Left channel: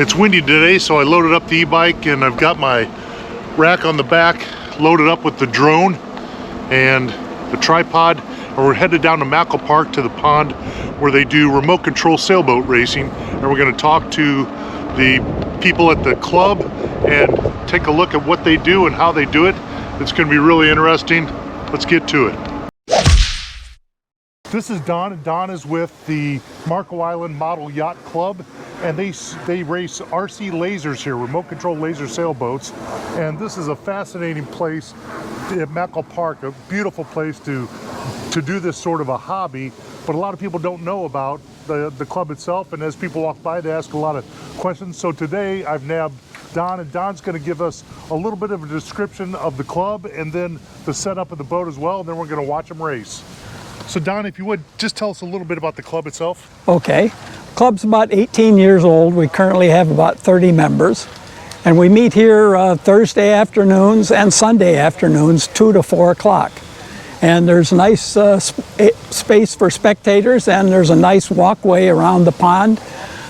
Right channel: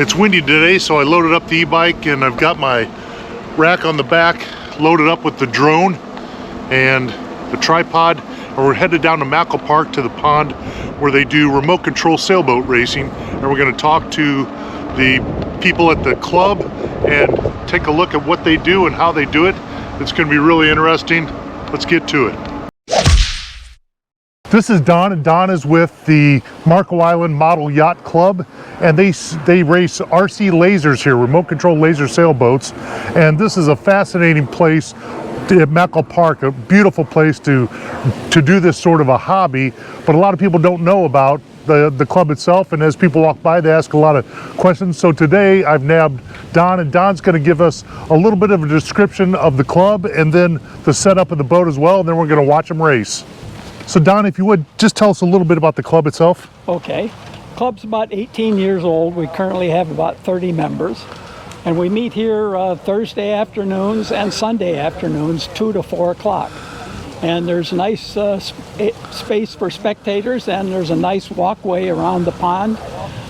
It's windy today, so I loaded up the e-bike and I've got my rack on the back loaded up with the drone and the tripod, and we're headed down to Mackle Park to the pond where they do remote control sailboat racing, and we're going to talk to the people at the club and take a look at what they do and how they do it. It's going to be really interesting. Let's get to it. This is Don, and Don is with the Island Model Yacht Club, and they race RC lasers here, remote control laser sailboats, and this is a fascinating place at Mackle Park, a beautiful place to do this sort of a hobby, but a lot of people don't know about the club itself, and as people walk by they ask a lot of questions. So today I've nabbed Don, and Don's going to give us a little bit of a description of the club and then the setup of the boat as well, and then we're going to watch them race. So Don, if you would, just tell us a little bit about the club itself. Okay. Club's about 18 years old. We currently have about 30 members. And we meet here Thursday afternoons and Sunday afternoons, 2 to 4 o'clock. And there's nice space for spectators, and there's a nice walkway around the pond.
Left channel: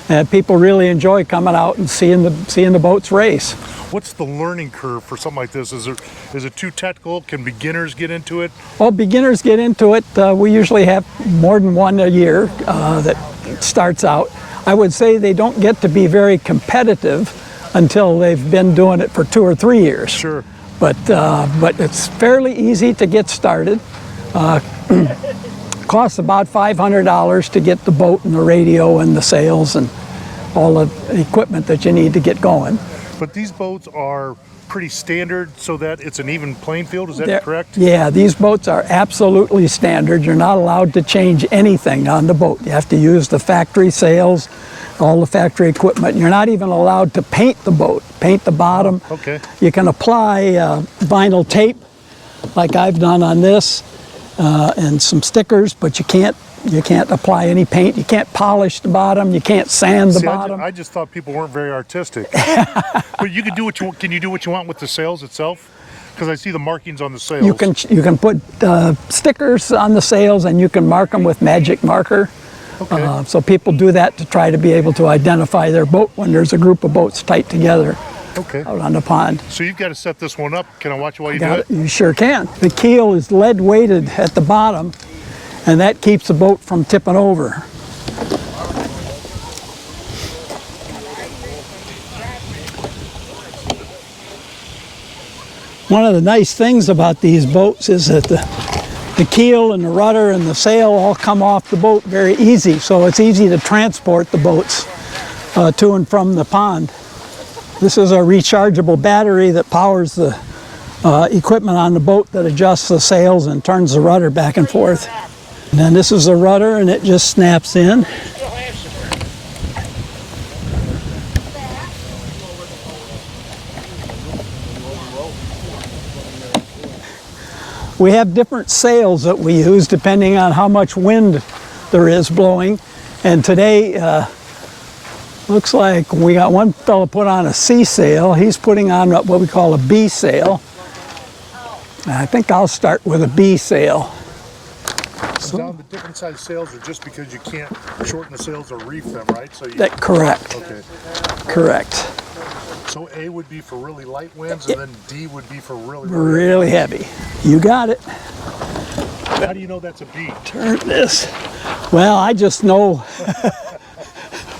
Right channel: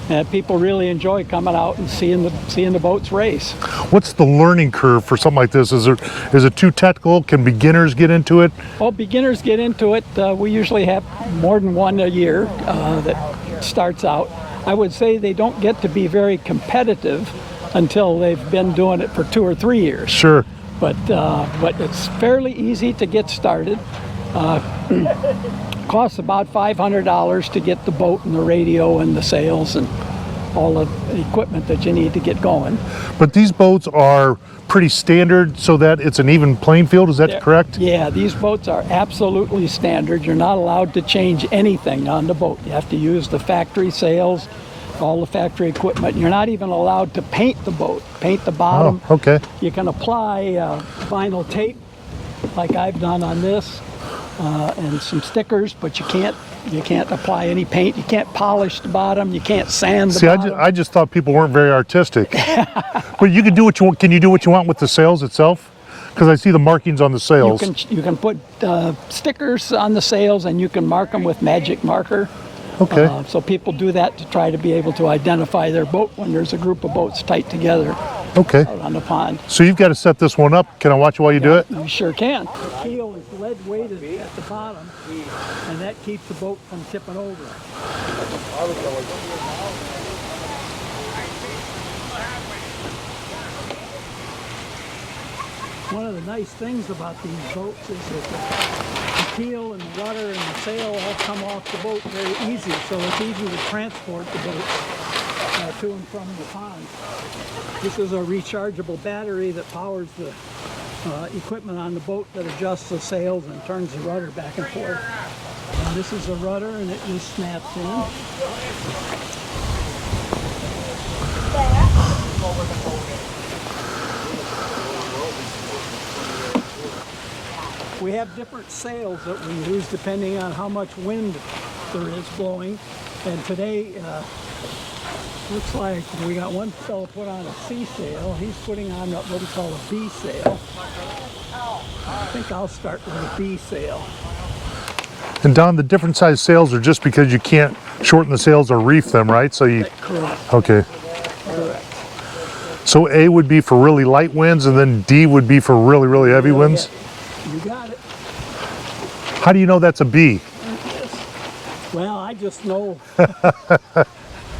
And people really enjoy coming out and seeing the boats race. What's the learning curve for something like this? Is it too technical? Can beginners get into it? Well, beginners get into it. We usually have more than one a year that starts out. I would say they don't get to be very competitive until they've been doing it for 2 or 3 years. Sure. But it's fairly easy to get started. Costs about $500 to get the boat and the radio and the sails and all the equipment that you need to get going. But these boats are pretty standard so that it's an even playing field, is that correct? Yeah, these boats are absolutely standard. You're not allowed to change anything on the boat. You have to use the factory sails, all the factory equipment. You're not even allowed to paint the boat, paint the bottom. Oh, okay. You can apply vinyl tape like I've done on this. And some stickers, but you can't apply any paint. You can't polish the bottom. You can't sand the bottom. I just thought people weren't very artistic. But you can do what you want. Can you do what you want with the sails itself? Because I see the markings on the sails. You can put stickers on the sails, and you can mark them with magic marker. Okay. So people do that to try to be able to identify their boat when there's a group of boats tight together. Okay. Out on the pond. So you've got to set this one up. Can I watch while you do it? You sure can. The keel is lead weighted at the bottom, and that keeps the boat from tipping over. One of the nice things about these boats is that the keel and the rudder and the sail all come off the boat very easy, so it's easy to transport the boats to and from the pond. This is a rechargeable battery that powers the equipment on the boat that adjusts the sails and turns the rudder back and forth. And then this is the rudder, and it just snaps in. We have different sails that we use depending on how much wind there is blowing. And today, looks like we got one fellow put on a C sail. He's putting on what we call a B sail. I think I'll start with a B sail. And Don, the different size sails are just because you can't shorten the sails or reef them, right? So correct. Okay. Correct. So A would be for really light winds, and then D would be for really heavy winds? Really heavy. You got it. How do you know that's a B? Turn this. Well, I just know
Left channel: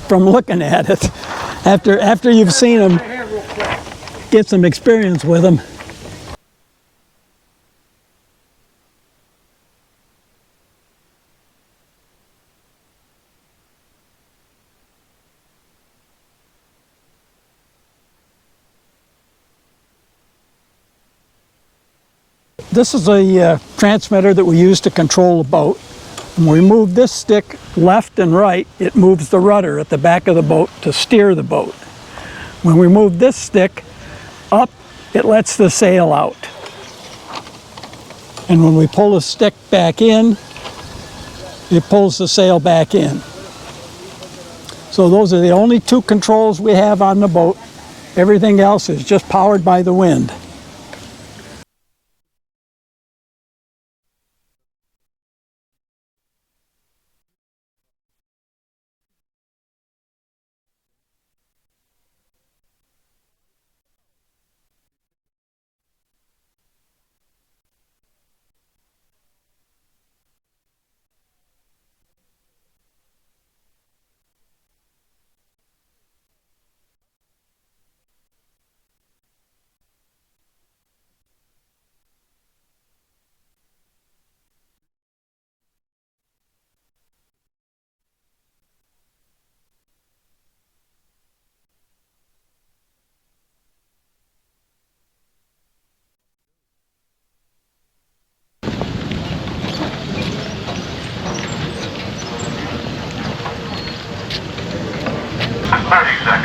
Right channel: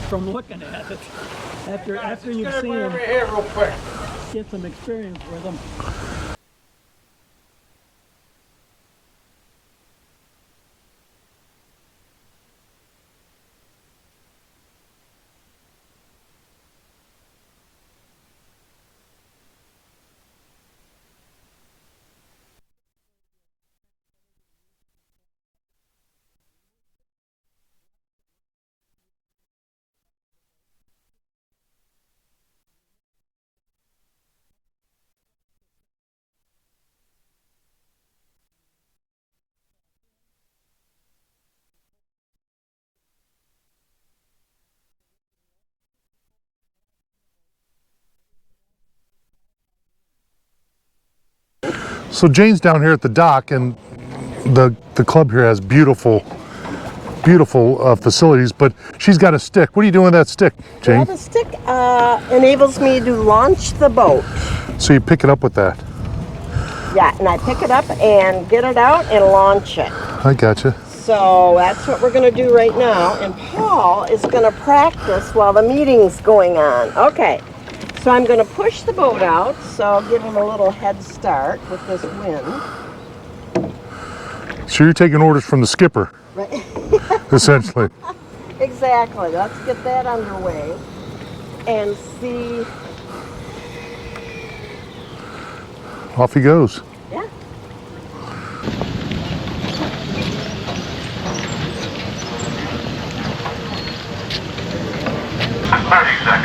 from looking at it. After you've seen them, get some experience with them. This is a transmitter that we use to control the boat. When we move this stick left and right, it moves the rudder at the back of the boat to steer the boat. When we move this stick up, it lets the sail out. And when we pull the stick back in, it pulls the sail back in. So those are the only two controls we have on the boat. Everything else is just powered by the wind. So Jane's down here at the dock, and the club here has beautiful beautiful facilities, but she's got a stick. What are you doing with that stick, Jane? Well, the stick enables me to launch the boat. So you pick it up with that. Yeah, and I pick it up and get it out and launch it. I gotcha. So that's what we're going to do right now. And Paul is going to practice while the meeting's going on. Okay, so I'm going to push the boat out, so I'll give him a little head start with this wind. So you're taking orders from the skipper, Right. essentially. Exactly. Let's get that underway and see. Off he goes. Yeah. 30 seconds.